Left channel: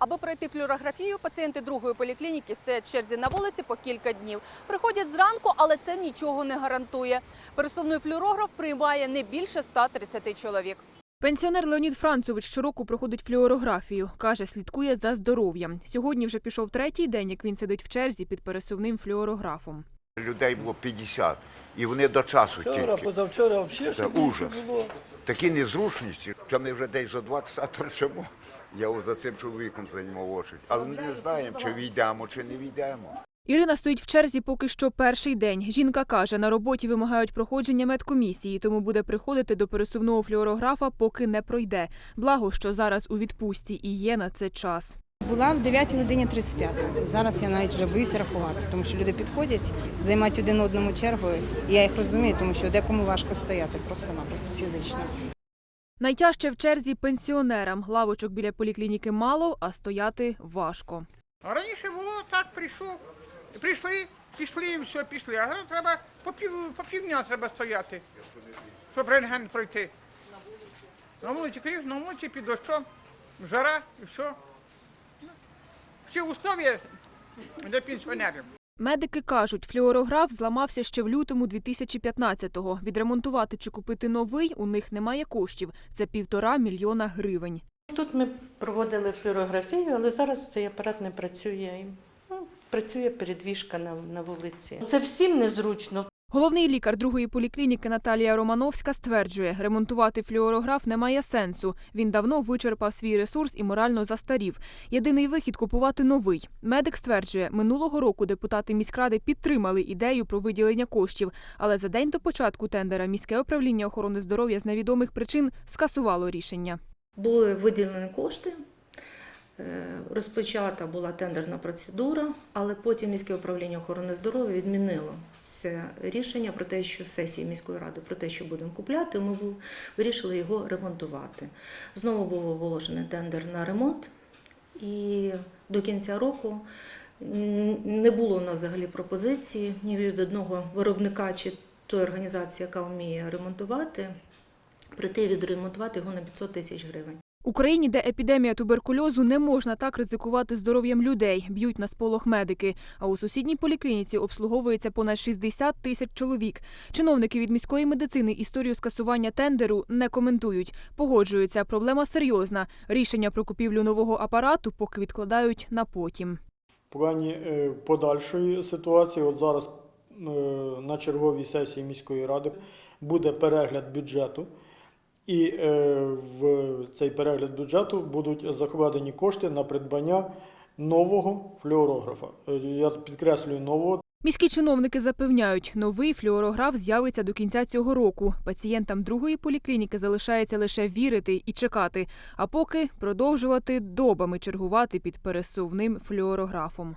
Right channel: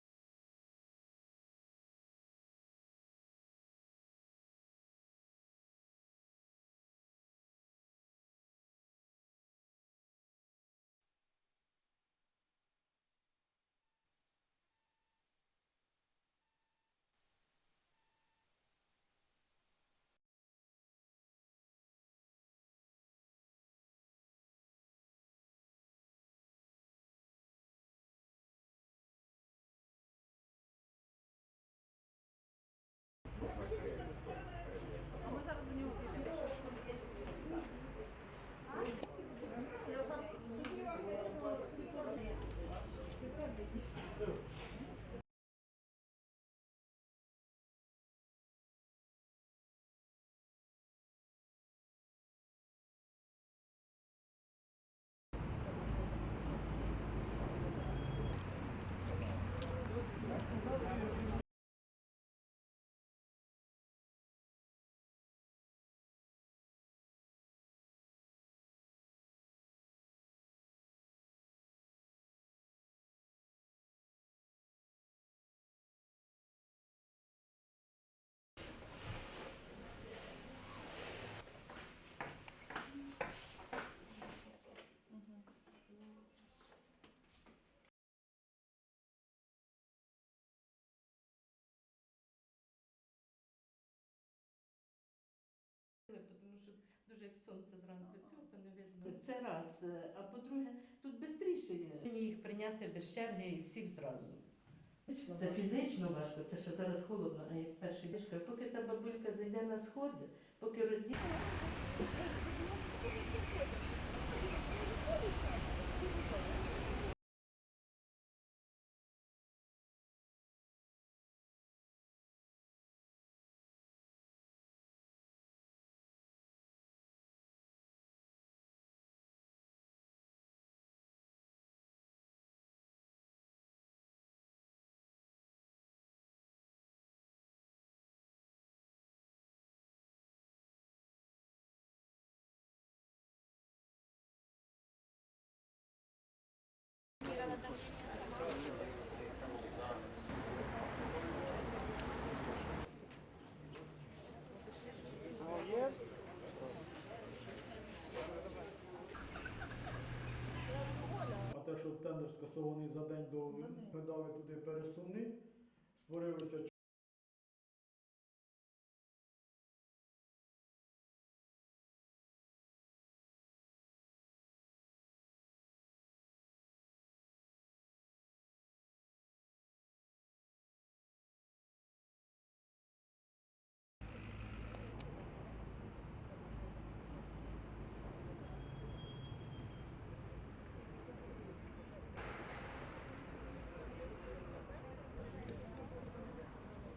Аби пройти флюорографію, пацієнти другої поліклініки стоять в черзі на вулиці по кілька днів. Приходять зранку, але це нічого не гарантує. Пересувний флюорограф приймає не більше 130 чоловік. Пенсіонер Леонід Францович щороку проходить флюорографію. Каже, слідкує за здоров'ям. Сьогодні вже пішов третій день, як він сидить в черзі під пересувним флюорографом. Людей було 50, і вони до часу Вчора, тільки. позавчора взагалі Це ще ужас. було. Такі незручності, що ми вже десь за два часа торчимо. Я ось за цим чоловіком займав очередь. Але ми не знаємо, чи війдемо, чи не війдемо. Ірина стоїть в черзі поки що перший день. Жінка каже, на роботі вимагають проходження медкомісії, тому буде приходити до пересувного флюорографа, поки не пройде. Благо, що зараз у відпустці і є на це час. Була в 9 годині 35. Зараз я навіть вже боюся рахувати, тому що люди підходять, займають один одному чергу. І я їх розумію, тому що декому важко стояти просто-напросто фізично. Найтяжче в черзі пенсіонерам. Лавочок біля поліклініки мало, а стояти важко. А раніше було так, прийшов, прийшли, пішли, і все, пішли. А зараз треба по пів, по півдня треба стояти, щоб рентген пройти. На вулиці крив, на вулиці під дощом, жара і все. Всі условия для пенсіонерів. Медики кажуть, флюорограф зламався ще в лютому 2015-го. Відремонтувати чи купити новий у них немає коштів. Це півтора мільйона гривень. Тут ми проводили флюорографію, але зараз цей апарат не працює. Працює передвіжка на, на вулиці. Це всім незручно. Головний лікар другої поліклініки Наталія Романовська стверджує, ремонтувати флюорограф немає сенсу. Він давно вичерпав свій ресурс і морально застарів. Єдиний вихід купувати новий. Медик стверджує, минулого року депутати міськради підтримали ідею про виділення коштів, але за день до початку тендера міське управління охорони здоров'я з невідомих причин скасувало рішення. Були виділені кошти, розпочата була тендерна процедура, але потім міське управління охорони здоров'я відмінило це рішення про те, що сесії міської ради про те, що будемо купляти, ми вирішили його ремонтувати. Знову був оголошений тендер на ремонт, і до кінця року не було у нас взагалі пропозиції ні від одного виробника чи тої організації, яка вміє ремонтувати, прийти відремонтувати його на 500 тисяч гривень. В Україні, де епідемія туберкульозу, не можна так ризикувати здоров'ям людей. Б'ють на сполох медики. А у сусідній поліклініці обслуговується понад 60 тисяч чоловік. Чиновники від міської медицини історію скасування тендеру не коментують. Погоджуються, проблема серйозна. Рішення про купівлю нового апарату поки відкладають на потім. В плані е, подальшої ситуації, от зараз е, на черговій сесії міської ради буде перегляд бюджету. І е, в цей перегляд бюджету будуть закладені кошти на придбання нового флюорографа. Е, Я підкреслюю нового, Міські чиновники запевняють, новий флюорограф з'явиться до кінця цього року. Пацієнтам другої поліклініки залишається лише вірити і чекати, а поки продовжувати добами чергувати під пересувним флюорографом.